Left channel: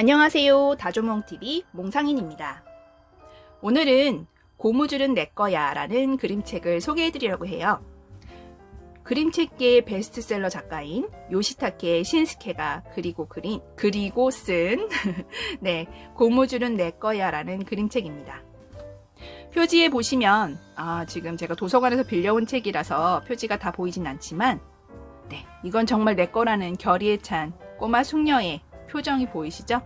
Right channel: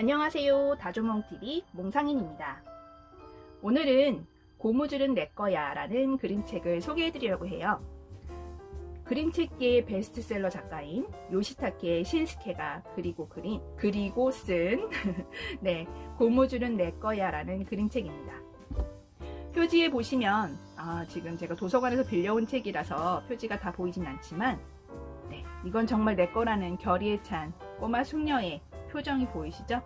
안녕하세요. 다조몽TV 몽상인입니다. 오늘은 고무줄은 내 거야 라는 그림책을 소개해 드리려고 해요. 그림책계의 베스트셀러 작가인 요시타케 신스케가 그리고 그린, 그리고 쓴, 네, 고무줄은 내 거야 라는 그림책입니다. 표지에 보시면, 아, 지금 제가 도서관에서 빌려온 책이라서 표지가 다 보이진 않지만, 네, 이건 정말 내 거라는 결의에 찬 꼬마 숙녀의 표정이 보이시죠?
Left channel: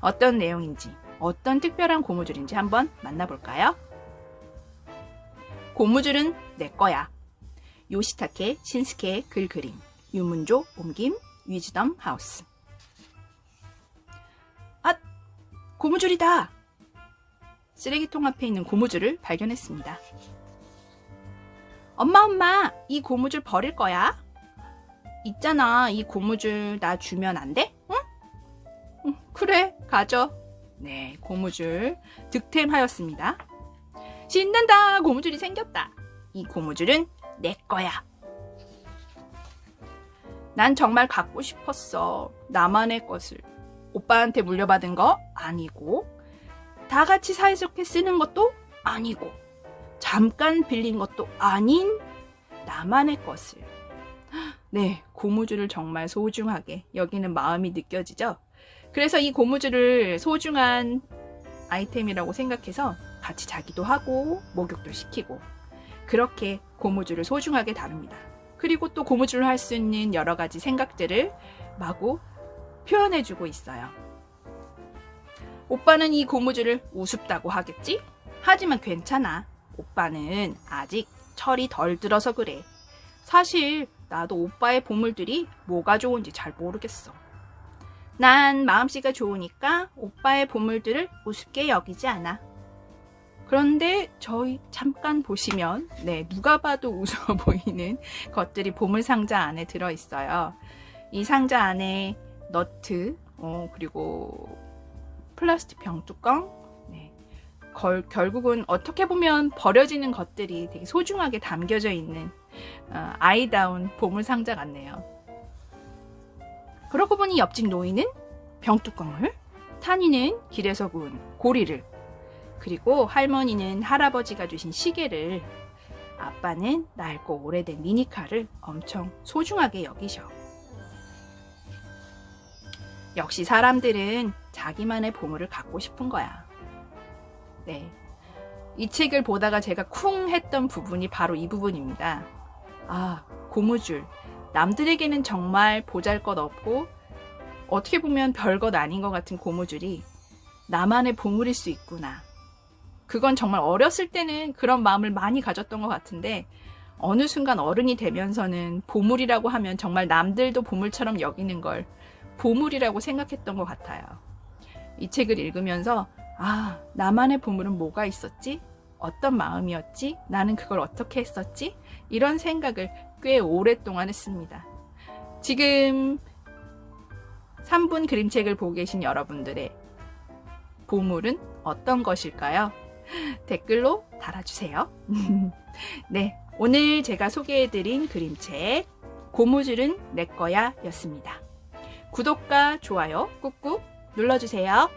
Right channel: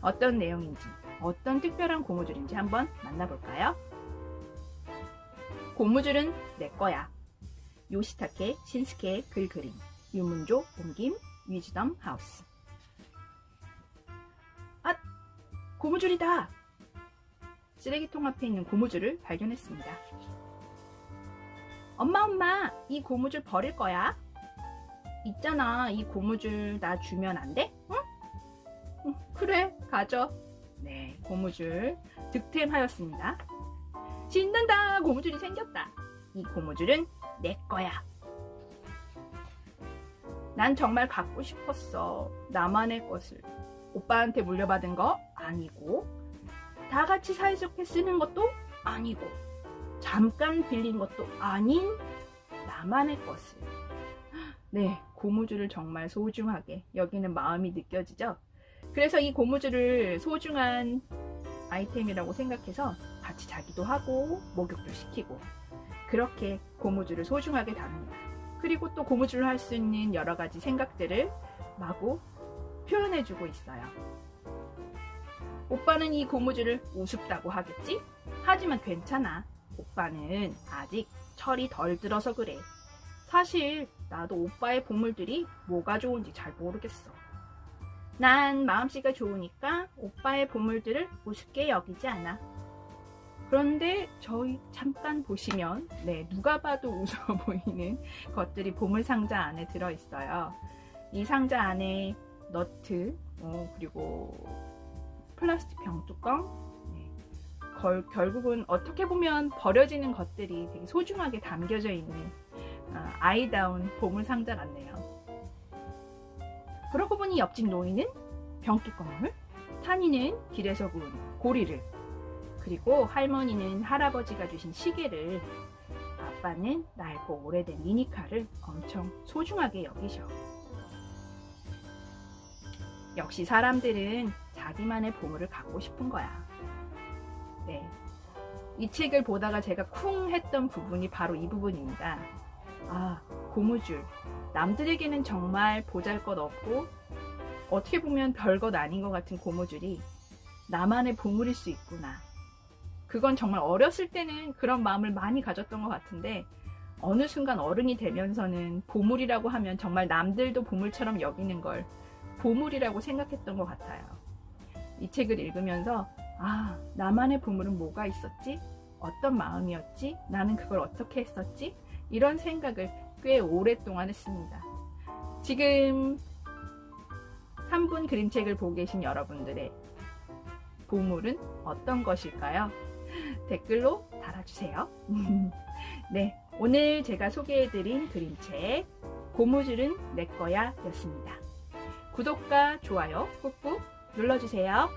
어떤 내용인지, 어떤 특별한 고무줄인지 한번 만나볼까요? 고무줄은 내 거야. 요시타케 신스케 글 그림, 유문조 옮김, 위즈덤 하우스. 아, 고무줄이다! 쓰레기통 앞에 있는 고무줄을 발견했습니다. 엄마, 엄마, 이 고무줄 버릴 거야? 있잖아, 이 고무줄 나 주면 안 돼? 응? 응, 그래, 가져. 네, 고무줄 득템하였습니다. 신난다! 고무줄이 생겼다. 이 고무줄은 내 거야. 난 정말 갖고 싶었어. 나만의 것을. 오빠한테 물려받은 거 아니고, 다 같이 사이좋게 쓰는 것도 아니고, 잠깐 빌린 것도 아닌 나만의 것을. 네, 고무줄을 정말 소중하게 여기는 마음이 느껴지죠? 그래서 이 고무줄을 소중한 아이템이라고 생각해서 같이 자기도 하고 목욕도 시키고 그렇게 고무줄을 소중하게 다룹니다. 그리고 또 고무줄로 할 수 있는 여러 가지 생각들을 마구 표현해주고 있어요. 오빠는 이 고무줄을 우습다고 하겠지? 하지만 괜찮아. 오빠는 아직 철이 덜 들어서 그래. 사실 나도 오빠의 보물들이 뭐가 좋은지 잘 모르겠어. 난 마음씨가 좋으니까 오빠의 보물들을 우습게 여기지 않아. 그런데 저희 잠깐 보시면 네 누가 봐도 웃어 보이는 것들이 보물 상자 안에 들어 있어요. 이 상자 안에 너트 어, 그리고 플라스틱 병 뚜껑 네. 걸, 결국은 어떻게 보면 버려지는 것들이 되게 소중하게 담겨져 있는 어, 아이다운 보물 상자 같네요. 그러고 보니 옆집 노인은 병뚜껑을, 탄이는 길에서 구운 고리를, 그리고 할머니는 할아버지가 주신 시계를, 아빠는 낡고 오래된 미니카를 엄청 소중하게 여기셔. 역시 사람들은 자기만의 보물을 갖고 싶은 거야. 네. 이 책을 보다가 제가 쿵 했던 부분이 바로 이 부분입니다. 아, 고무줄. 남들에게는 정말 보잘 것 없고 어떻게 보면 별것 아닌 것 같은 고무줄이 나만의 보물일 수 있구나. 그건 정말 어렸을 때는 그런 마음을 많이 가졌던 것 같은데 어느 순간 어른이 되면서는 보물이라고 하면 정말 남들도 보물처럼 여기는 걸 보물이라고 생각했던 것 같아요. 이 책을 읽으면서 아, 나만의 보물은 뭐가 있었지? 어떤 마음이었지? 나는 그걸 어떻게 했었지? 이런 생각을 꽤 오랫동안 했습니다. 지금 3분 그림책을 보고 계신 여러분들의 보물은 어떤 것일까요? 댓글로 달아주세요. 네, 오늘 제가 소개해드린 그림책 고무줄은 내 거야 였습니다. 구독과 좋아요 꾹꾹 눌러주세요.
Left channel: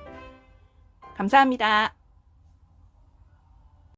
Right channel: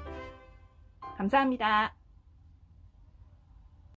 감사합니다.